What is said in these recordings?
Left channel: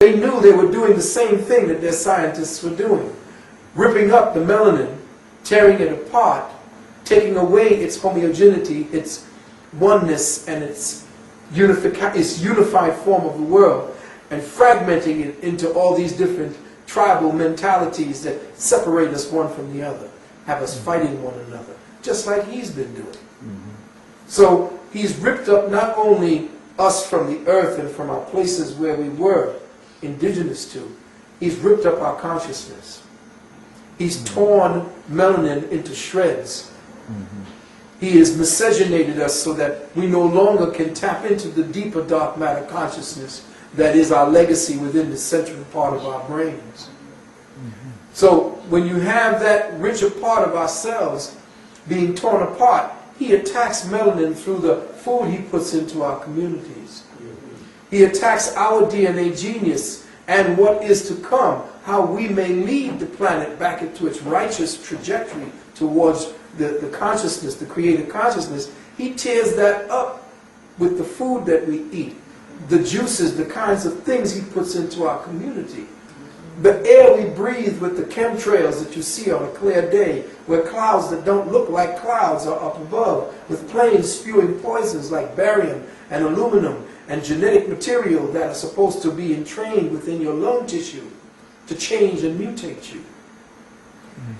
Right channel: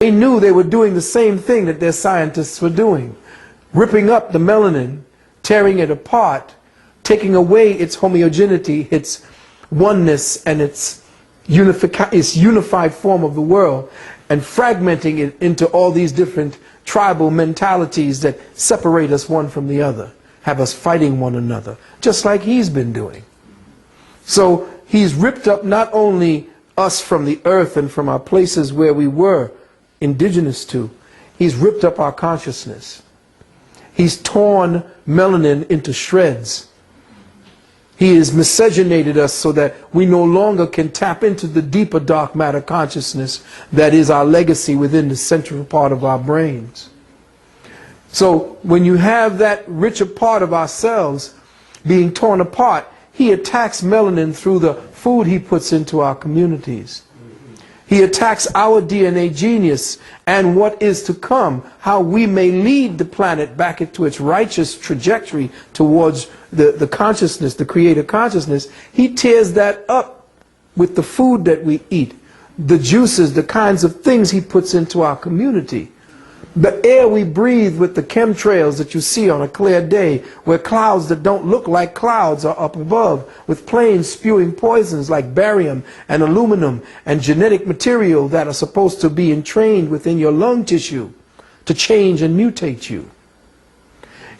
They knew they were doing the same thing that their scientists were doing, ripping up the melanin, tearing it apart, taking away its homogeneity, its oneness, and its unified form of the world, and fragmenting it into all these different tribal mentalities that separate us one from the other, have us fighting one another, just like he's been doing. So he's ripped up not only us from the earth and from our places where we were indigenous to, he's ripped up our consciousness. He's torn melanin into shreds. He has miscegenated us so that we no longer can tap into the deeper dark matter consciousness that is our legacy within the central part of our brains. So when you have that richer part of ourselves being torn apart, he attacks melanin through the food he puts into our communities. He attacks our DNA genius and what is to come, how we may lead the planet back into its righteous trajectory towards the consciousness, the creative consciousness. He tears that up with the food that we eat, the juices, the kinds of things he puts into our community. The air we breathe with the chemtrails that you see on a clear day, where clouds that don't look like clouds are up above, with planes spewing poisons like barium and aluminum and genetic material that are supposed to be entrained within your lung tissue to change and mutate you.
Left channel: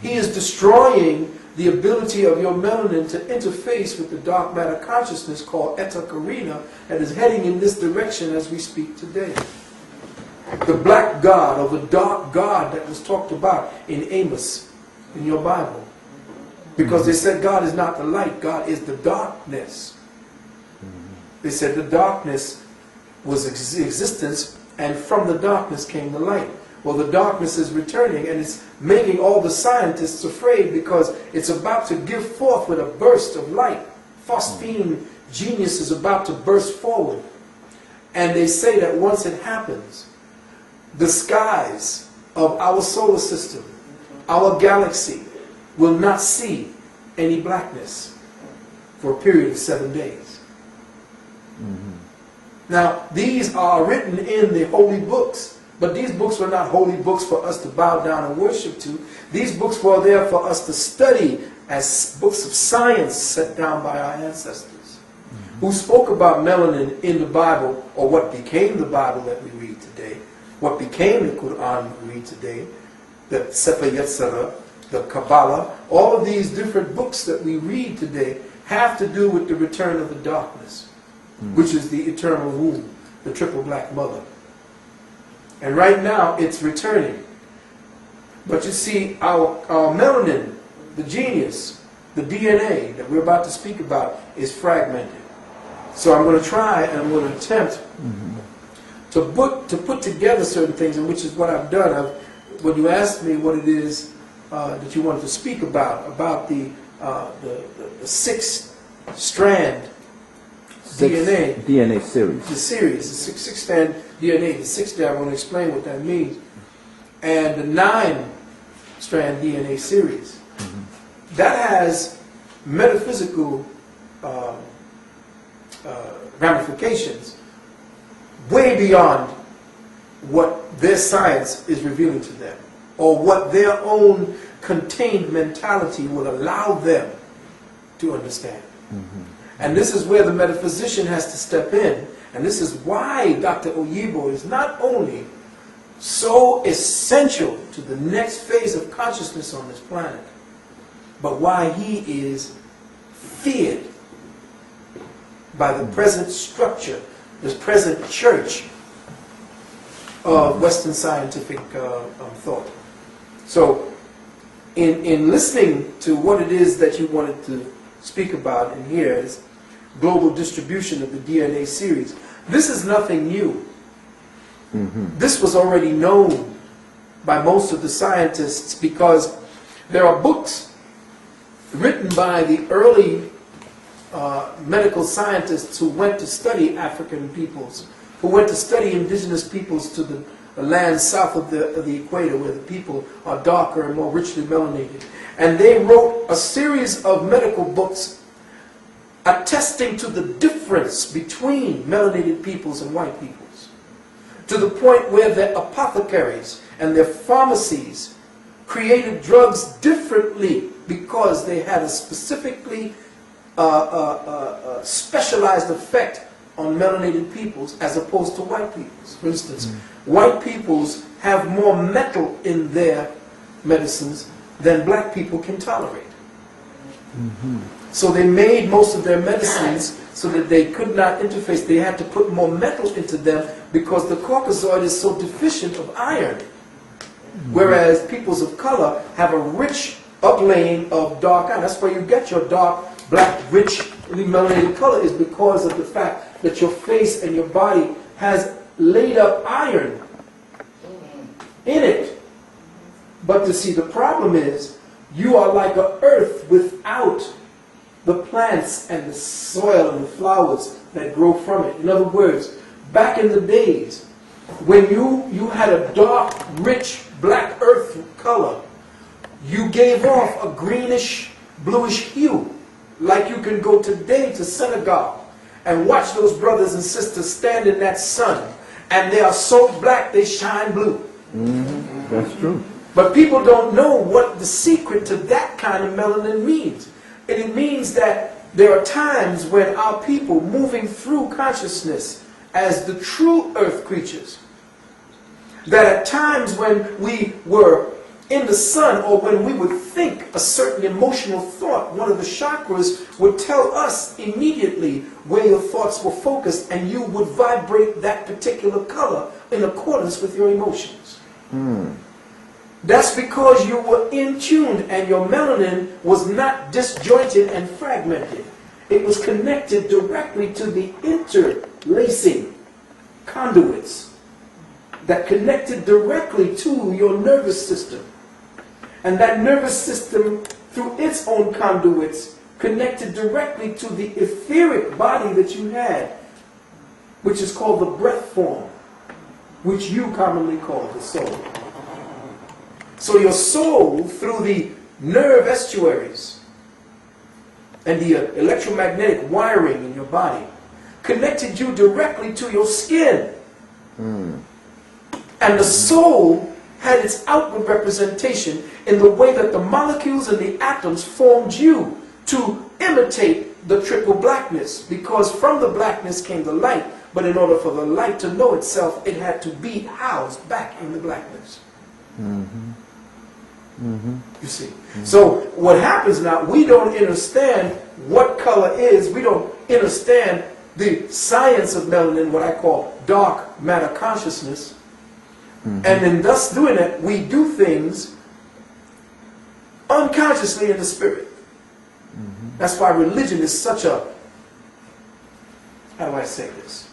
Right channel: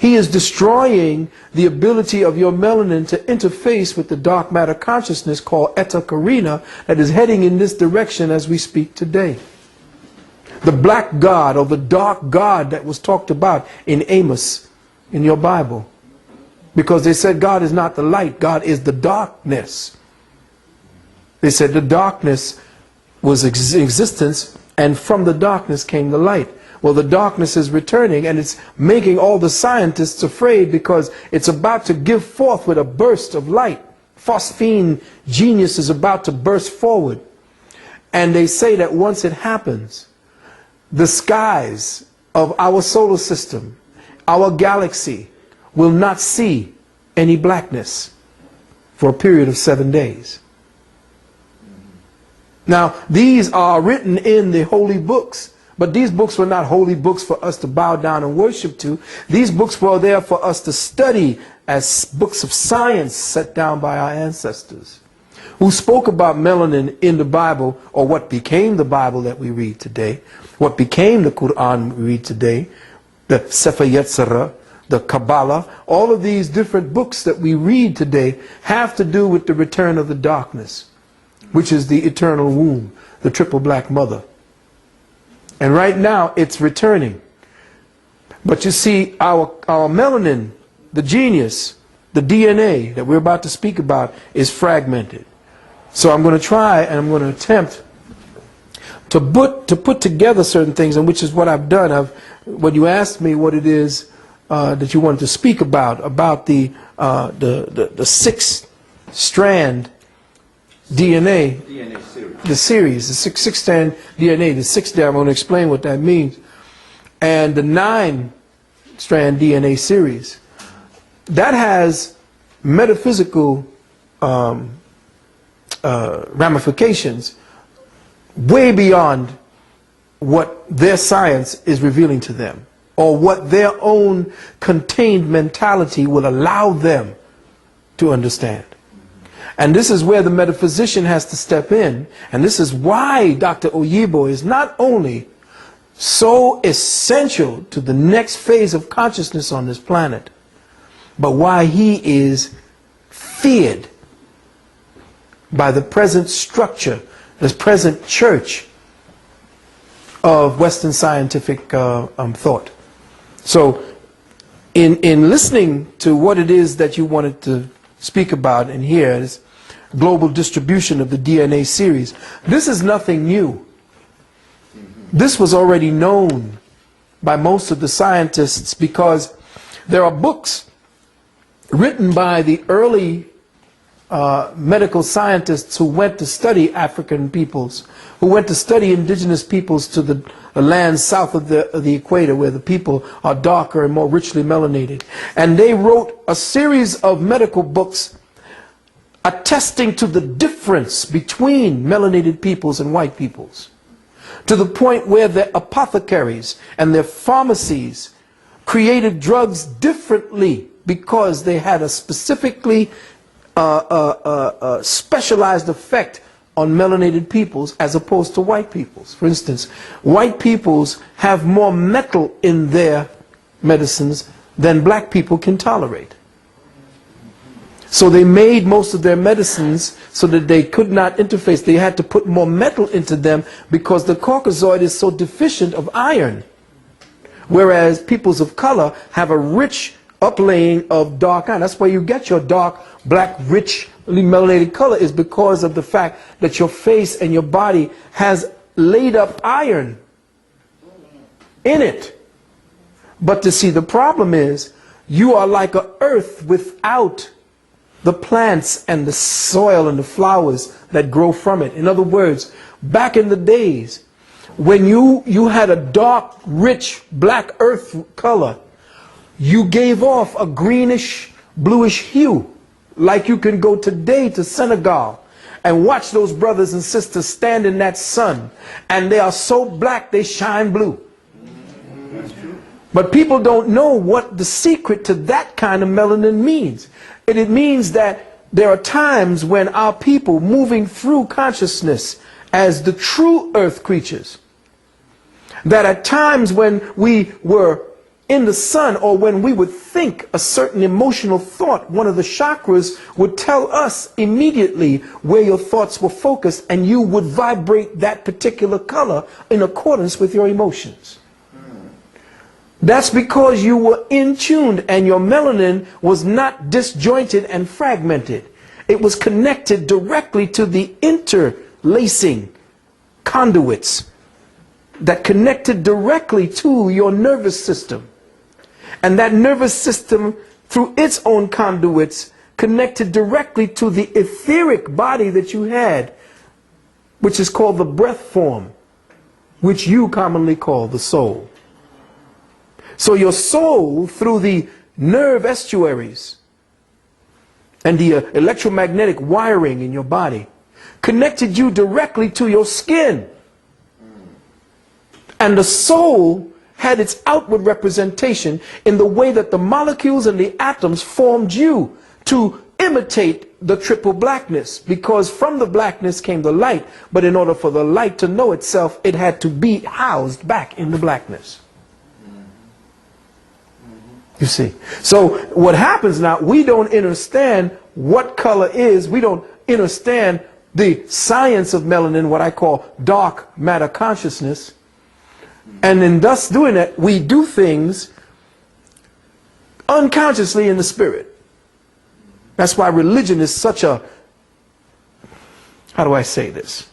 He is destroying the ability of your melanin to interface with the dark matter consciousness called Eta Carina that is heading in this direction as we speak today. The black God, or the dark God that was talked about in Amos in your Bible. Because they said God is not the light, God is the darkness. They said the darkness was existence, and from the darkness came the light. Well, the darkness is returning, and it's making all the scientists afraid because it's about to give forth with a burst of light. Phosphine genius is about to burst forward. And they say that once it happens, the skies of our solar system, our galaxy, will not see any blackness for a period of 7 days. Now, these are written in the holy books, but these books were not holy books for us to bow down and worship to. These books were there for us to study as books of science set down by our ancestors, who spoke about melanin in the Bible, or what became the Bible that we read today. What became the Quran we read today, the Sefer Yetzirah, the Kabbalah, all of these different books that we read today have to do with the return of the darkness, which is the eternal womb, the triple black mother. And right now it's returning. But you see, our melanin, the genius, the DNA that we're about to speak about is fragmented. So I'm going to try and I'm going to attempt to put together certain things, and which is what I've done. When you asked me what it is that you wanted to speak about the 6-strand DNA series, the series, the six-strand DNA, the 6 I'm going to explain what that means, and the 9-strand DNA series, that has metaphysical ramifications way beyond what their science is revealing to them, or what their own contained mentality will allow them to understand. And this is where the metaphysician has to step in, and this is why Dr. Oyibo is not only so essential to the next phase of consciousness on this planet, but why he is feared by the present structure, this present church of Western scientific thought. So in listening to what it is that you wanted to speak about and hear is global distribution of the DNA series, this is nothing new. This was already known by most of the scientists, because there are books written by the early medical scientists who went to study African peoples, who went to study indigenous peoples to the lands south of the equator, where the people are darker and more richly melanated. And they wrote a series of medical books attesting to the difference between melanated peoples and white peoples. to the point where their apothecaries and their pharmacies created drugs differently because they had a specifically specialized effect on melanated peoples as opposed to white peoples. For instance, white peoples have more metal in their medicines than black people can tolerate. So they made most of their medicines so that they could not interface. They had to put more metal into them because the Caucasoid is so deficient of iron. Whereas peoples of color have a rich uplaying of dark iron. That's why you get your dark, black, richly melanated color, is because of the fact that your face and your body has laid up iron in it. But to see, the problem is you are like an earth without the plants and the soil and the flowers that grow from it. In other words, back in the days when you had a dark, rich, black earth color, you gave off a greenish, bluish hue. Like you can go today to Senegal and watch those brothers and sisters stand in that sun, and they are so black they shine blue. That's true. But people don't know what the secret to that kind of melanin means. And it means that there are times when our people, moving through consciousness as the true earth creatures, that at times when we were in the sun, or when we would think a certain emotional thought, one of the chakras would tell us immediately where your thoughts were focused, and you would vibrate that particular color in accordance with your emotions. That's because you were in tune and your melanin was not disjointed and fragmented. It was connected directly to the interlacing conduits that connected directly to your nervous system. And that nervous system, through its own conduits, connected directly to the etheric body that you had, which is called the breath form, which you commonly call the soul. So your soul, through the nerve estuaries and the electromagnetic wiring in your body, connected you directly to your skin. And the soul had its outward representation in the way that the molecules and the atoms formed you to imitate the triple blackness, because from the blackness came the light, but in order for the light to know itself, it had to be housed back in the blackness. You see. So what happens now, we don't understand what color is. We don't understand the science of melanin, what I call dark matter consciousness. And in thus doing it, we do things unconsciously in the spirit. That's why religion is such a, how do I say this?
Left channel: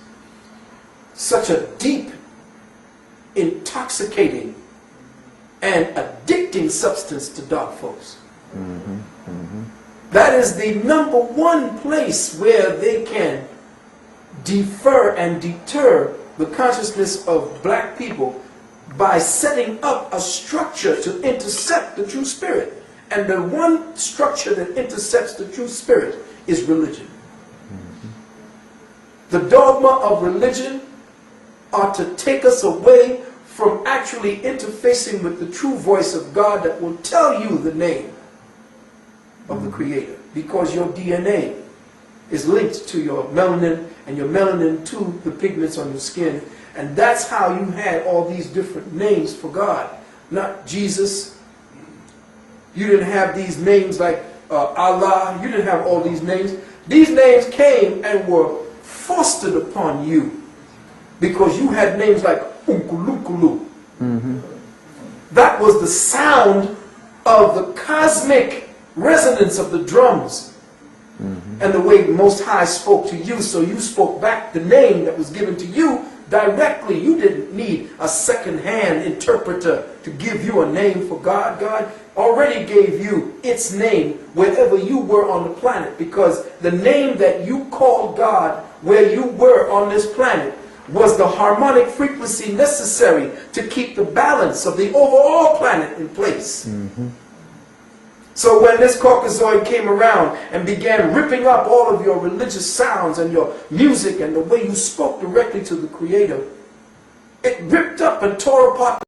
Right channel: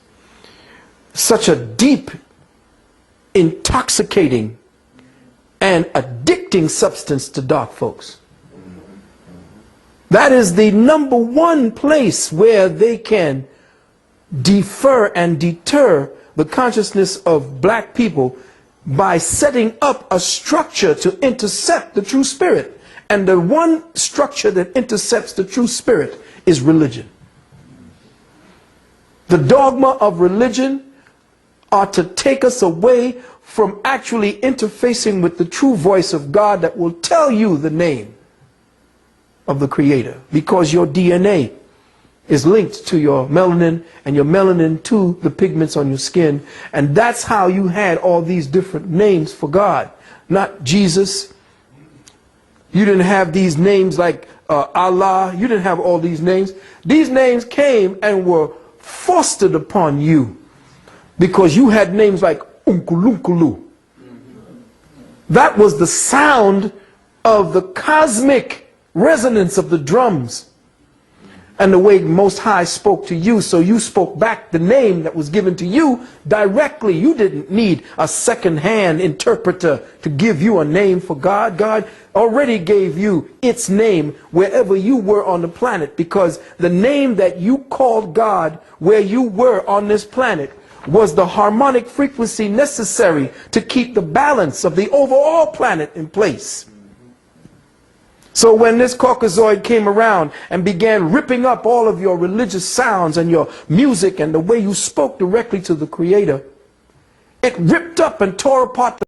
Such a deep, intoxicating, and addicting substance to dark folks. That is the number one place where they can defer and deter the consciousness of black people by setting up a structure to intercept the true spirit. And the one structure that intercepts the true spirit is religion. The dogma of religion are to take us away from actually interfacing with the true voice of God that will tell you the name of the Creator, because your DNA is linked to your melanin, and your melanin to the pigments on your skin. And that's how you had all these different names for God. Not Jesus. You didn't have these names like Allah. You didn't have all these names. These names came and were fostered upon you because you had names like Unkulunkulu. That was the sound of the cosmic resonance of the drums. And the way Most High spoke to you, so you spoke back the name that was given to you directly. You didn't need a second-hand interpreter to give you a name for God. God already gave you its name wherever you were on the planet, because the name that you called God where you were on this planet was the harmonic frequency necessary to keep the balance of the overall planet in place. So when this Caucasoid came around and began ripping up all of your religious sounds and your music and the way you spoke directly to the Creator, It ripped up and tore apart